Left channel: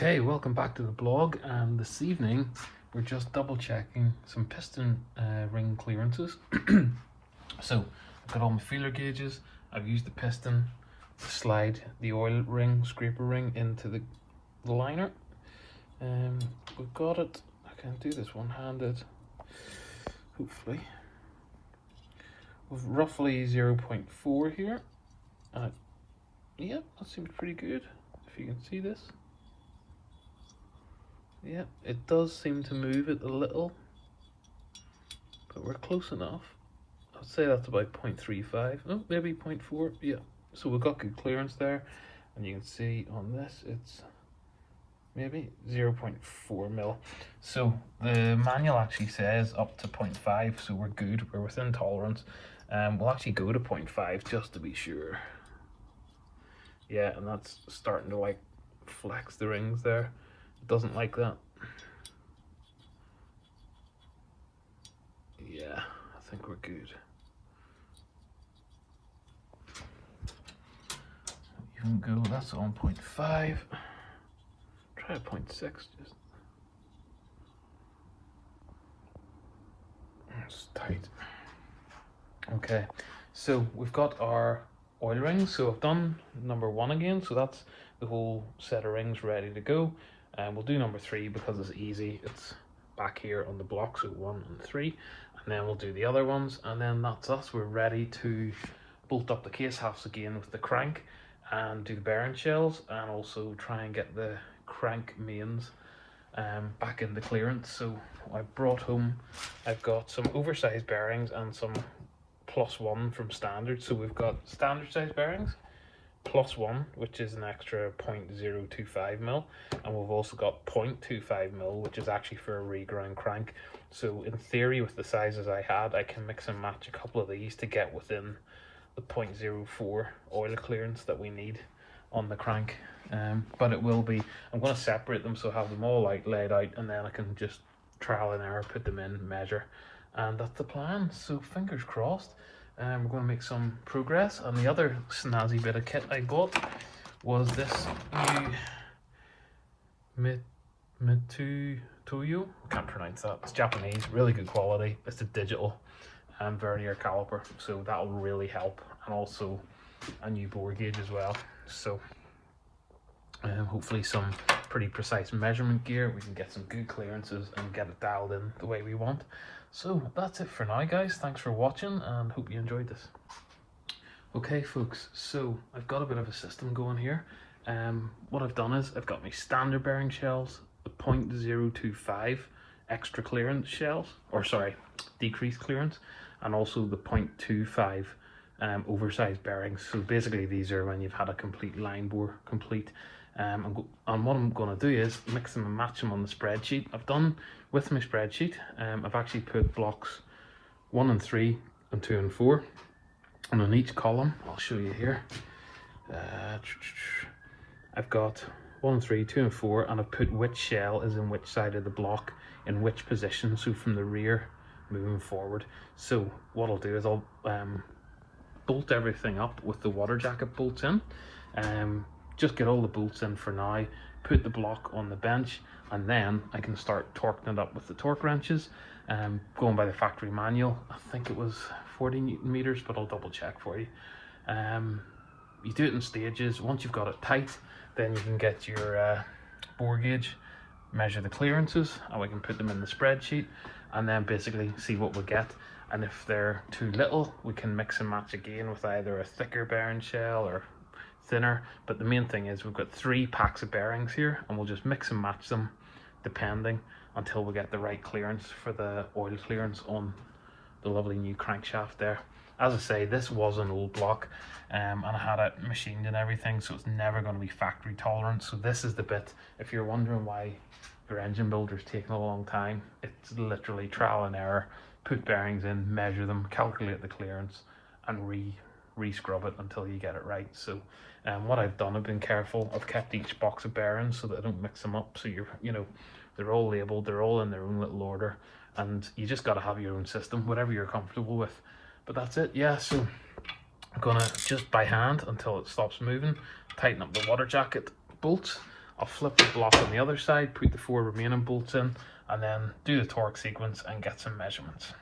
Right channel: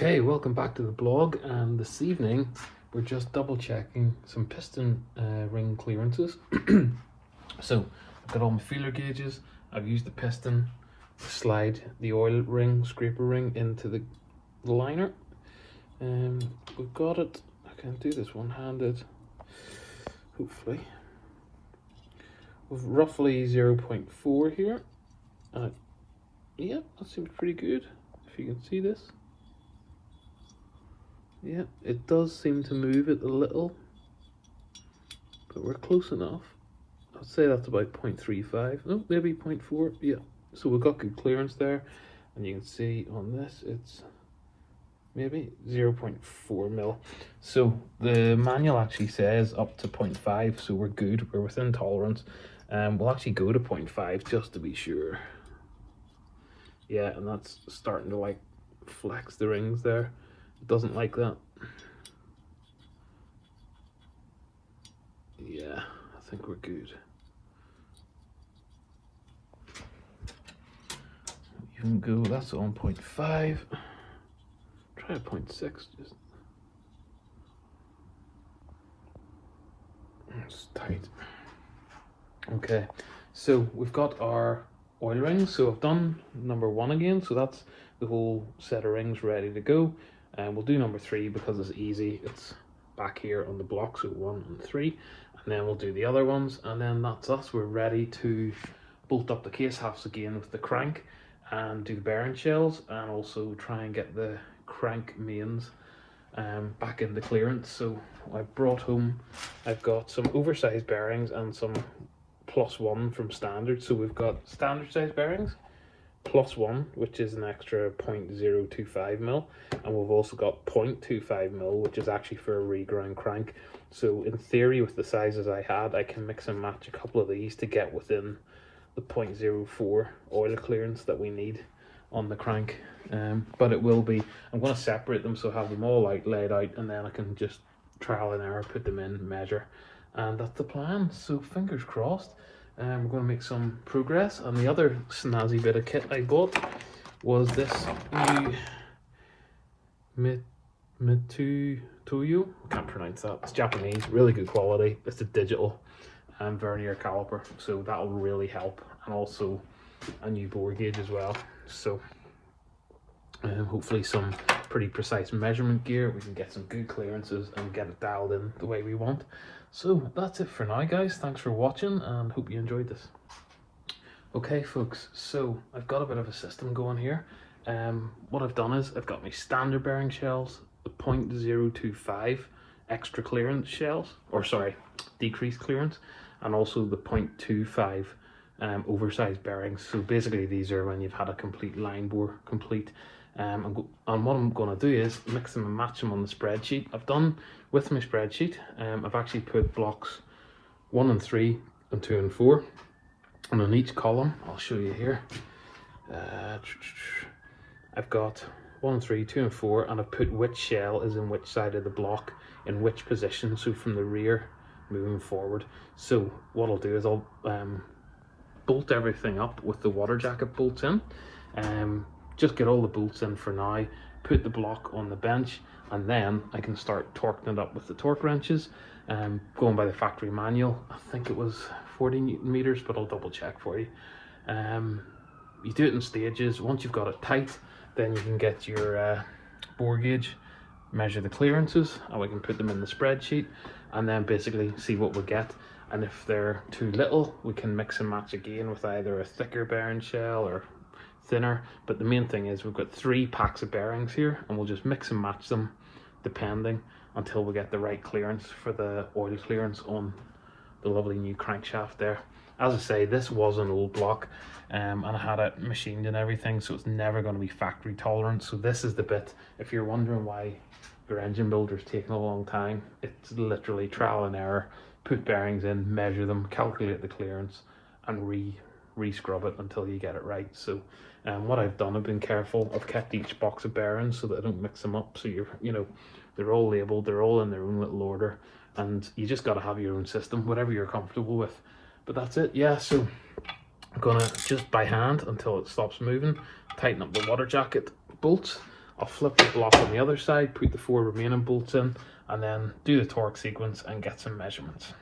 Okay, welcome back to the blog, and this evening we're just double checking some piston ring clearances. So I've got all my feeler gauges. I've used the piston to slide the oil ring, scraper ring into the liner. We've got it. I can do this one-handed, hopefully. With roughly 0.4 here. Yeah, that seems pretty good, if you can see this. Yeah, it does seem to move it a little, but we're close enough. I'd say that's about 0.35, no, maybe 0.4, yeah. So we've got good clearance there, and you can see on this, it's maybe 0.4 mil. So the manual actually says up to 0.5, so we're good, we're within tolerance. We'll actually go to 0.5 just to be sure. Yeah, and that's starting to like flex the rings there. It doesn't like that. Yeah, I think we're good. You can go, that's on 0.5. Try 0.6 just. It's tight. Okay, so we've got our oil rings. So I've done number 1 again, so that's the whole set of rings ready to go. And we'll do number 3 because it's easy. It's back here on the block, so 1 and 3, and then we'll do the other ones, and then that's us. We're ready to bolt up the case halves again with the crank and do the bearing shells, and also try and get the crank mains back in the clearance. So I've brought home, I've got some oversized bearings and some +1 from standard. So we've got standard size bearings, +1, which is an extra 0.025 mil, and we've also got 0.25 mil, which is actually for a reground crank. So in theory, with the sizes I had, I can mix and match a couple of these to get within the 0.04 oil clearance that we need on the crank. But it will be, I'm going to separate them so I have them all like laid out, and then I can just trial and error, put them in, measure, and that's the plan. So fingers crossed. We're going to make some progress. And the other snazzy bit of kit I bought was this new Mitutoyo. I can't pronounce that. It's Japanese, really good quality. It's a digital vernier caliper, so that'll really help. And also a new bore gauge as well. So hopefully some pretty precise measurement gear. We can get some good clearances and get it dialed in the way we want. So that's it for now, guys. Thanks for watching, and hope you enjoyed this. Okay folks, so I've got a bit of a system going here. What I've done is I've got my standard bearing shells, the 0.025 extra clearance shells, or sorry, decreased clearance, and also the 0.25 oversized bearings. So basically these are when you've had a complete line bore complete. And what I'm going to do is mix them and match them on the spreadsheet. I've done with my spreadsheet, I've actually put blocks 1 and 3 and 2 and 4, and on each column, I'll show you here, I've got 1 and 3, 2 and 4, and I've put which shell is in which side of the block, in which position, so from the rear moving forward. So what I'll do is I'll bolt everything up with the water jacket bolts in. Just get all the bolts in for now, put the block on the bench, and then I can start torquing it up with the torque wrenches. Going by the factory manual, I think it was 40 Newton meters, but I'll double check for you. You do it in stages. Once you've got it tight, then you can get your bore gauge, measure the clearances, and we can put them in the spreadsheet, and then basically see what we get. And if they're too little, we can mix and match again with either a thicker bearing shell or thinner. But the main thing is we've got 3 packs of bearings here, and we'll just mix and match them depending until we get the right clearance for the oil clearance on the lovely new crankshaft there. As I say, this was an old block, and I had it machined and everything, so it's never going to be factory tolerant. So this is the bit, if you're wondering why your engine builder's taking a long time, it's literally trial and error. Put bearings in, measure them, calculate the clearance, and re-scrub it until you get it right. So what I've done, I've been careful. I've kept each box of bearings so that I don't mix them up. So they're all labeled, they're all in their own little order, and you just got to have your own system, whatever you're comfortable with. But that's it, yeah. So I'm gonna just by hand until it stops moving, tighten up the water jacket bolts, I'll flip the block on the other side, put the 4 remaining bolts in, and then do the torque sequence and get some measurements.